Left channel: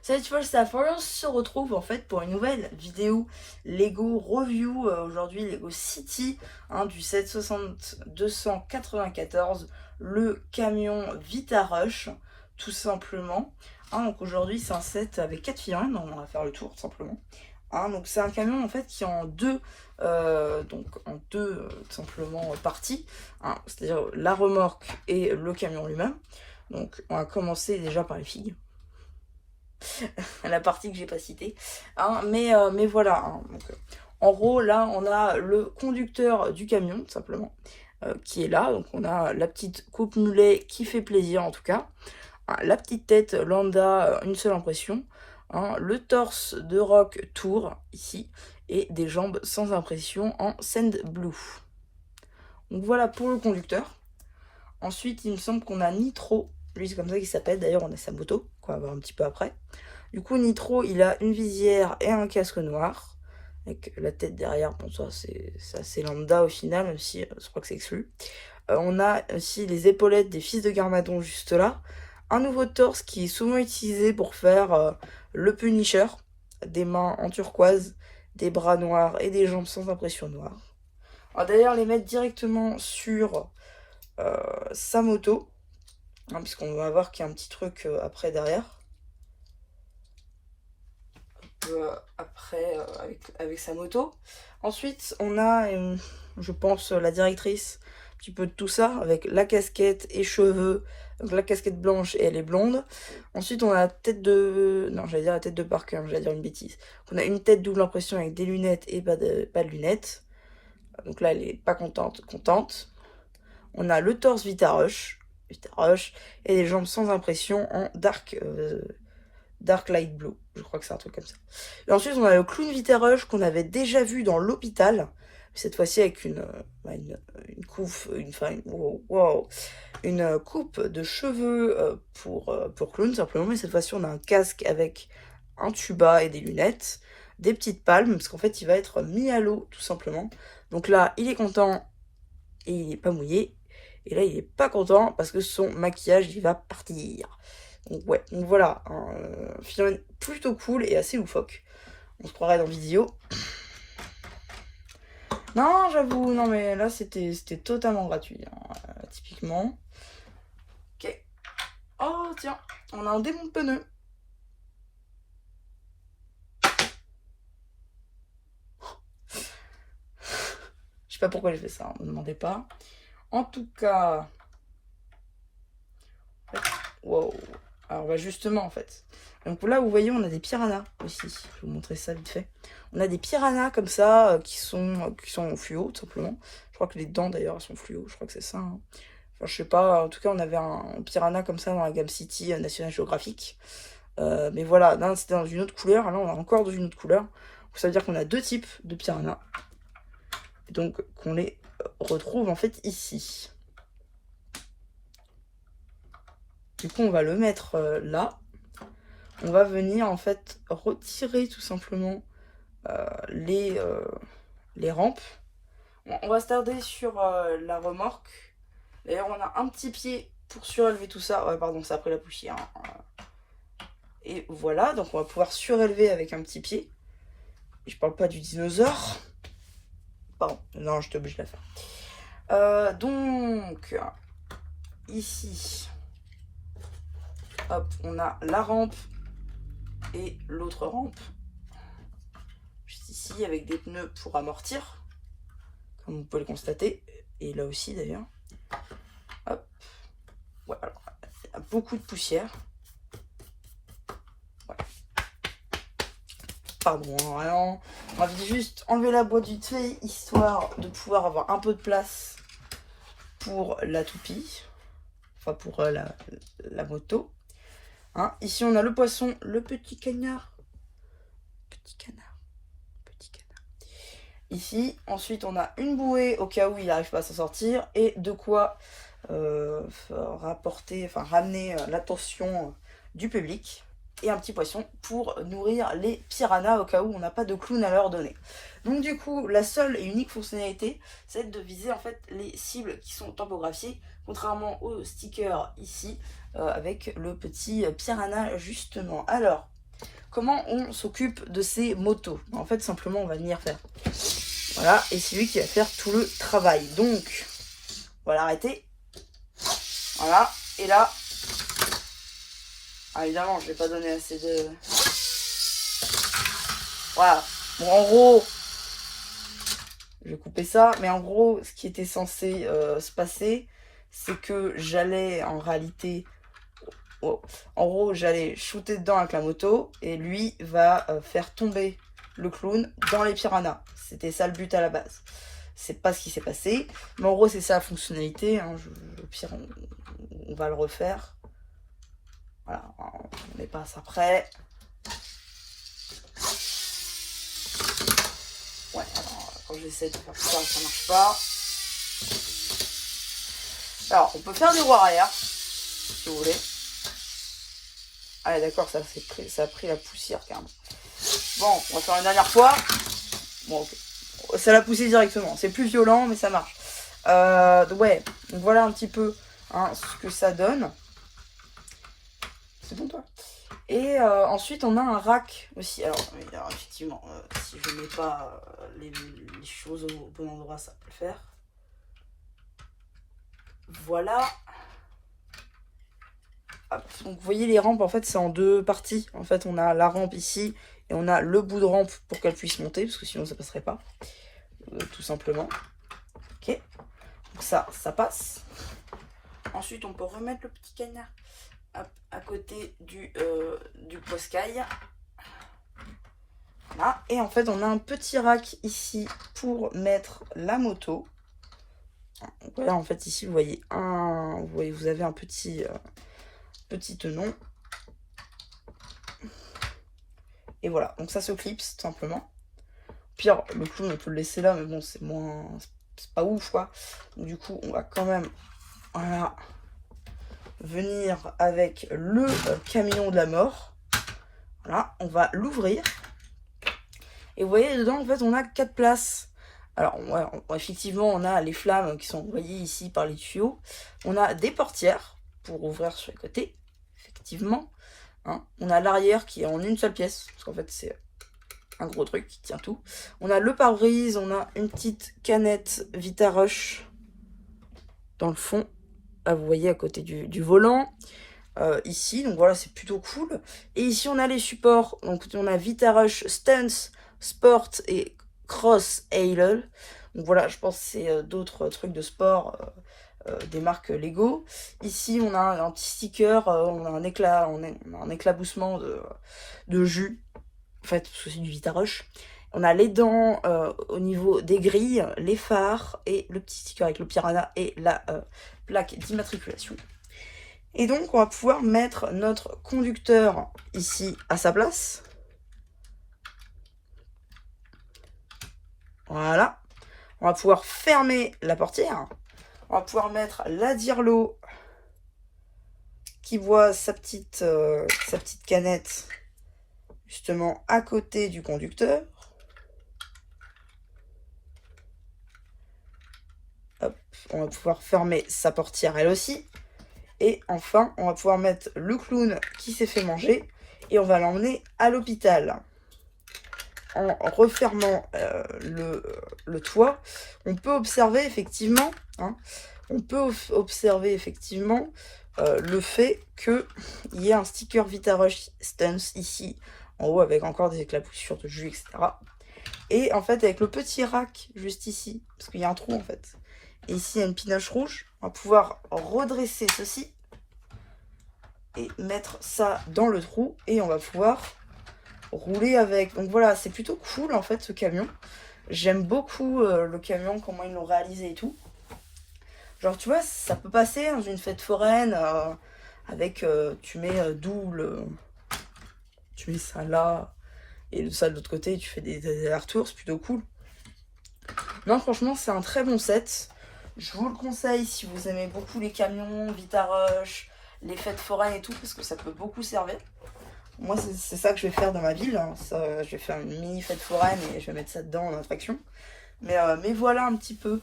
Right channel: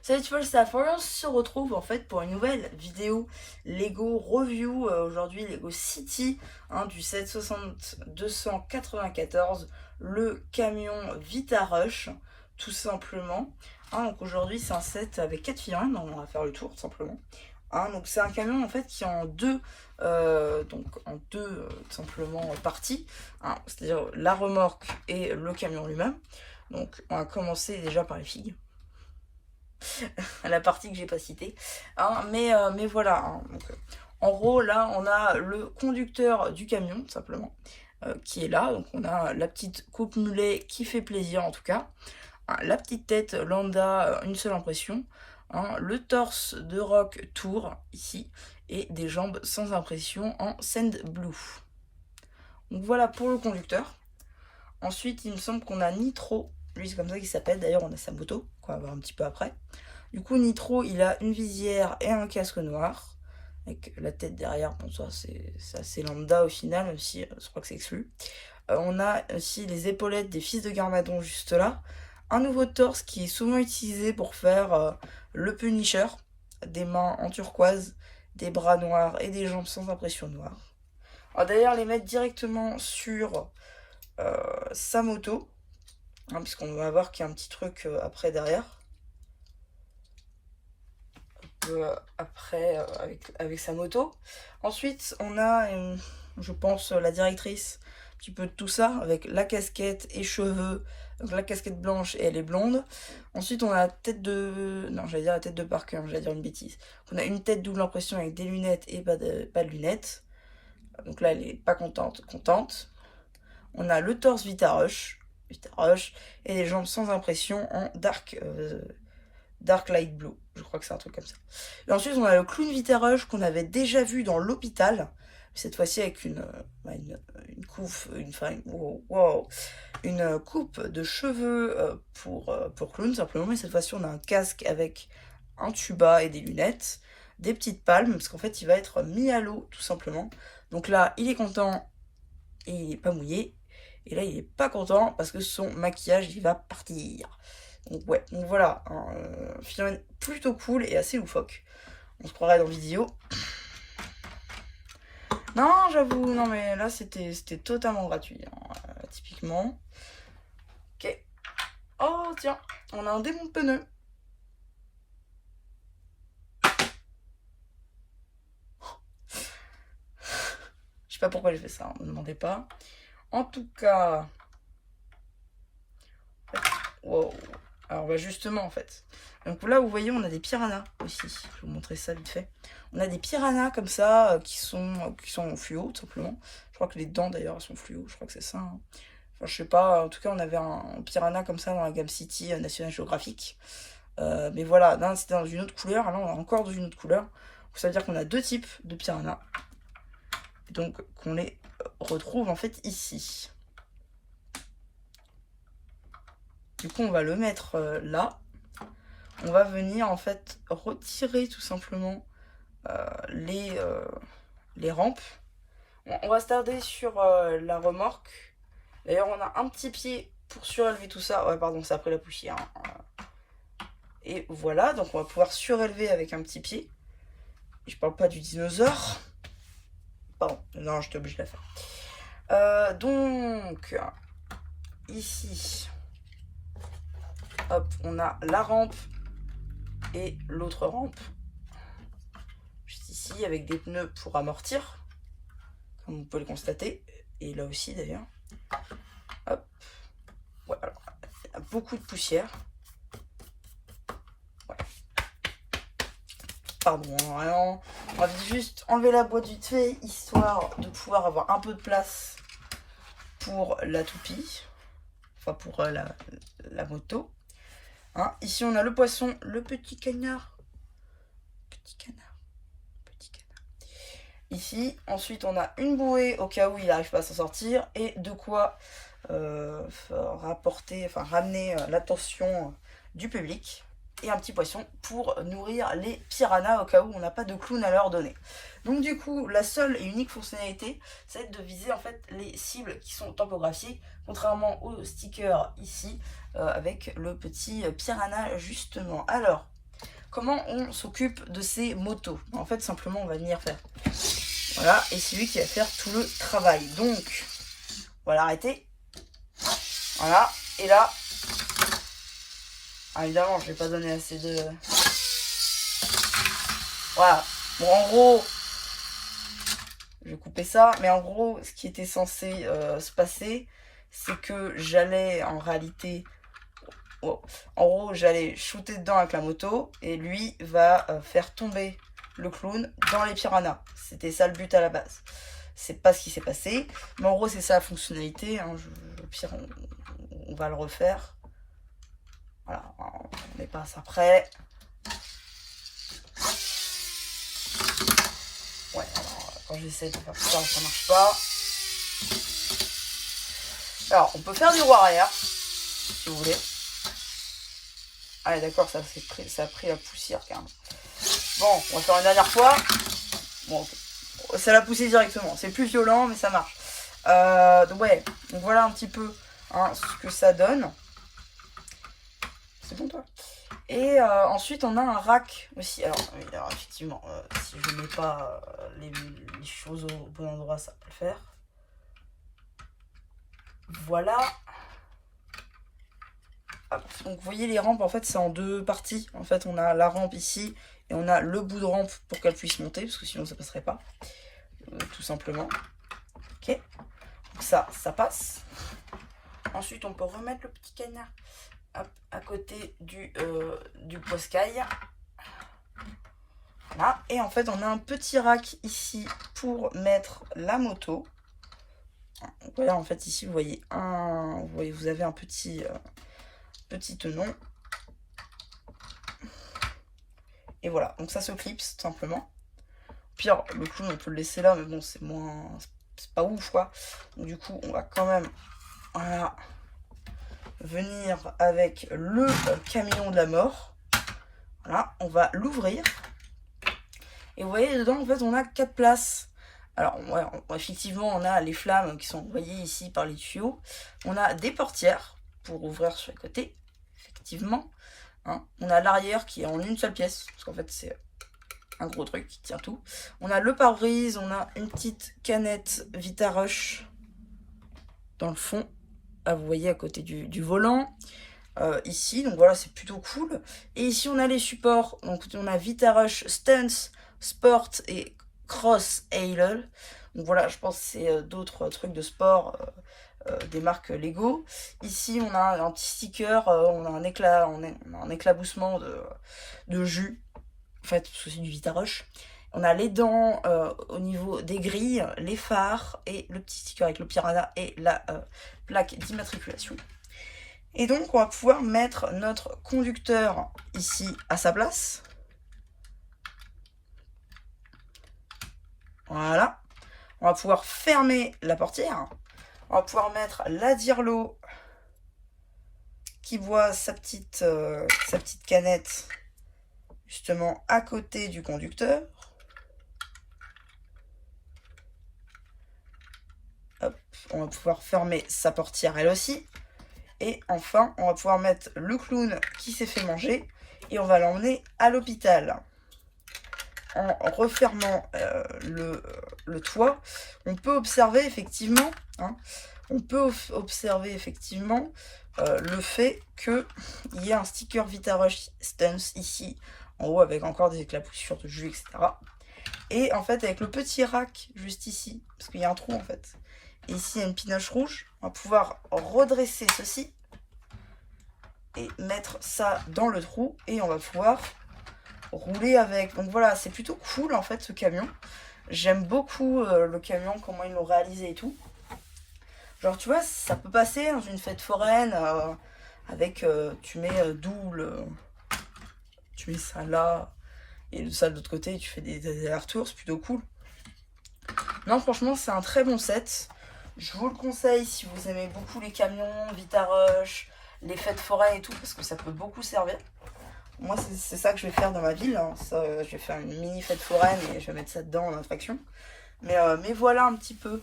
Salut People Staff, voilà, on se retrouve en fait pour une nouvelle vidéo Lego Review, aujourd'hui Lego City, du 760-294, le camion Vita Rush, tout simplement. Donc aujourd'hui c'est un set avec 4 figurines, donc on va faire le tour tout simplement. Donc c'est un camion en fait qui est en deux, tout simplement parties, c'est-à-dire la remorque et le camion lui-même. Donc on va commencer déjà par les figues. La partie que j'ai pas citée. Mais voilà. Donc, en gros, là, on a le conducteur du camion, tout simplement, qui est là. Donc, on a la petite coupe mulet qui fait plaisir, en tout cas. La petite tête lambda, une seule impression. Le torse de Rock Tour, ici. Et des jambes sans impression en Sand Blue. Donc, voilà pour le conducteur. Ensuite, il me semble qu'on a Nitro. Lui, c'est comme ça qu'il s'appelle. D'ailleurs, on a sa moto, qu'on va voir un petit peu après. Du coup, Nitro, il a une visière et un casque noir. Avec la tête derrière, bon, ça c'est assez lambda au final, même si je crois que c'est exclu. On a aussi les épaulettes des fils de Garmadon juste là. Un nouveau torse qui est souvent utilisé pour faire le Punisher. Des mains en turquoise, des bras noirs et des jambes sans impression noire. On va d'ailleurs les mettre directement sur sa moto. Puisqu'on va voir qu'il y a un petit truc après derrière. Après avec sa moto. Ensuite, on a, je pense, la directrice, un petit peu de tout ça, avec la casquette et cheveux. Donc la casquette blanche et elle est blonde. Ensuite, on a la tête de... Non, j'allais dire la tête de Parker, j'allais dire une bêtise. On a une tête double impression avec des lunettes et pas de lunettes. Donc là, elle est pas contente. On a le torse Vita Rush, et les jambes sans impression en Dark Light Blue, je crois que c'est un truc comme ça. Et ensuite, on a le clown Vita Rush qu'on avait déjà vu dans l'hôpital. Cette fois-ci avec une coupe de cheveux pour clown, simplement. Mais cette fois-ci, on a un casque avec un tuba et des lunettes, des petites palmes, parce qu'en fait, il va être mis à l'eau, tout simplement. Donc là, il est content et il n'est pas mouillé. Et là, il est pas content parce que son maquillage, il va partir. Donc ouais, donc voilà, un film plutôt cool et assez loufoque. On se croirait dans vidéo. Non, j'avoue, non mais là c'était totalement gratuit, typiquement. Ok. Oh tiens, on a un démon de pneu. Je sais pas pourquoi j'ai fait ça, ne me demandez pas. En tout cas... Wow. Alors bah justement en fait. Donc là vous voyez on a des piranhas aussi. Je vais vous montrer ça vite fait. On a des piranhas comme ça qui sont fluo tout simplement. Je crois que les dents d'ailleurs sont fluo, je crois que c'est ça. Enfin je sais pas, en tout cas on avait un piranha comme ça dans la gamme City National Geographic. Mais voilà, là c'était dans une autre couleur, là on a encore dans une autre couleur. Donc, ça veut dire qu'on a deux types de piranhas. Donc qu'on les retrouve en fait ici. Du coup on va le mettre là. On va venir en fait retirer tout simplement les rampes. On va se tarder sur la remorque. D'ailleurs on a un petit pied pour surélever tout ça. Ouais pardon, ça a pris la poussière. Et voilà, donc on va pouvoir surélever avec un petit pied. Et je parle pas du dinosaure. Pardon, non, je t'oblige à faire. Donc, ici, hop, on a la rampe et l'autre rampe. Juste ici, avec des pneus pour amortir, comme vous pouvez le constater. Et là aussi, d'ailleurs. Hop. Ouais, alors, il y a beaucoup de poussière. Ouais. Pardon, vraiment. On va juste enlever la boîte vite fait, histoire de pouvoir avoir un peu de place pour la toupie. Enfin, pour la moto. Ici, on a le poisson, le petit canard. Petit canard. Petit canard. Ici, ensuite, on a une bouée au cas où il n'arrive pas à s'en sortir. Et de quoi ramener l'attention du public. Et un petit poisson pour nourrir les piranhas au cas où on n'a pas de clown à leur donner. Donc du coup, la seule et unique fonctionnalité, c'est de viser en fait les cibles qui sont tampographiées, contrairement au sticker ici, avec le petit piranha justement. Alors, comment on s'occupe de ces motos. En fait, simplement, on va venir faire. Voilà, et c'est lui qui va faire tout le travail. Donc, on va l'arrêter. Voilà, et là, évidemment, je vais pas donner assez de... Voilà, bon, en gros, je vais couper ça, mais en gros, ce qui était censé se passer, c'est que j'allais en réalité... Oh, en gros, j'allais shooter dedans avec la moto, et lui va faire tomber le clown dans les piranhas. C'était ça le but à la base. C'est pas ce qui s'est passé, mais en gros, c'est ça la fonctionnalité. Hein. Au pire, on va le refaire. Voilà, on met pas ça prêt. Ouais, alors, quand j'essaie de faire ça, ça marche pas. Alors, on peut faire du roues arrière, si vous voulez. Ah, d'accord, ça a pris la poussière, carrément. Bon, on va faire une dernière fois. Bon, ça l'a poussé directement. C'est plus violent, mais ça marche. Ouais, donc voilà un petit peu hein, ce que ça donne. C'est bon, toi. Et ensuite, on a un rack aussi. Alors effectivement, si je ne mets pas les choses au bon endroit, ça peut le faire. Voilà. Hop. Donc, vous voyez, les rampes, en fait, c'est en deux parties. En fait, on a la rampe ici et on a le bout de rampe pour qu'elle puisse monter, parce que sinon, ça ne passerait pas. Tout simplement. Ok. Donc ça passe. Ensuite, on peut remettre le petit canard à côté du poscaille. Voilà. Et en fait, on a un petit rack ici pour mettre la moto. Voilà, en fait, ici, vous voyez, vous avez un petit tenon. Et voilà, donc ça se clipse, tout simplement. Pire, le clown, on peut le laisser là, mais bon, c'est moins... C'est pas ouf, quoi. Donc, du coup, on va quand même... Voilà. Venir avec le camion de la mort. Voilà, on va l'ouvrir. Et vous voyez, dedans, en fait, on a 4 places. Alors, ouais, effectivement, on a les flammes qui sont envoyées ici par les tuyaux. On a des portières pour ouvrir sur le côté, effectivement. Hein. On a l'arrière qui est en une seule pièce, parce qu'en fait, c'est un gros truc qui tient tout. On a le pare-brise, on a une petite canette Vitarush dans le fond. Là, vous voyez, à côté du volant. Ici, donc voilà, c'est plutôt cool. Et ici, on a les supports. Donc, on a Vitarush Stance, Sport et Cross Halo. Donc voilà, je pense que c'est d'autres trucs de sport des marques Lego. Ici, on a un petit sticker, on a un éclaboussement de jus. En fait, c'est du Vitarush. On a les dents au niveau des grilles, les phares et le petit sticker avec le piranha et la plaque d'immatriculation. Et donc, on va pouvoir mettre notre conducteur ici à sa place. Voilà. On va pouvoir fermer la portière. On va pouvoir mettre la dirlo qui voit sa petite canette justement à côté du conducteur. Hop, on va pouvoir fermer sa portière elle aussi. Et enfin, on va pouvoir mettre le clown qui s'est fait manger et on va l'emmener à l'hôpital. En refermant le toit, on peut observer effectivement, le fait qu'il y ait un sticker Vitarush Stance ici, en haut, avec encore des éclaboussures de jus, etc. Et en fait, avec le petit rack juste ici, parce qu'il y a un trou en fait, et ici il y a une pinoche rouge, on va pouvoir redresser ceci et mettre ça dans le trou et on va pouvoir rouler avec. Donc voilà, c'est plutôt cool en fait ce camion. J'aime beaucoup le camion, comment ils l'ont réalisé et tout. Genre tu vois, ça peut passer dans une fête foraine avec, tu mets tu mets ça là et ça de l'autre côté, tu fais des allers-retours, c'est plutôt cool. Non, franchement, c'est un très bon set. Je vous le conseille si vous aimez beaucoup les camions, Vitarush, les fêtes foraines et tout, parce que ça peut beaucoup servir. Moi, c'est ça que je vais faire dans ma ville. Hein. Ça, je vais faire une mini fête foraine et je vais mettre ça dedans en attraction. Mais voilà un petit peu.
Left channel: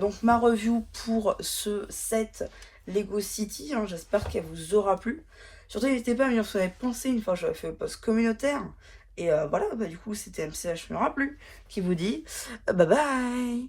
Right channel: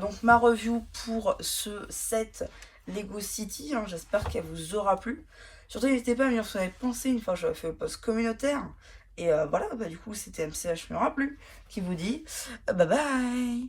Donc, ma review pour ce set Lego City. Hein, j'espère qu'elle vous aura plu. Surtout, n'hésitez pas à me dire ce que vous avez pensé une fois que j'avais fait le post communautaire. Et voilà, bah, du coup, c'était MCH me plu qui vous dit bye bye.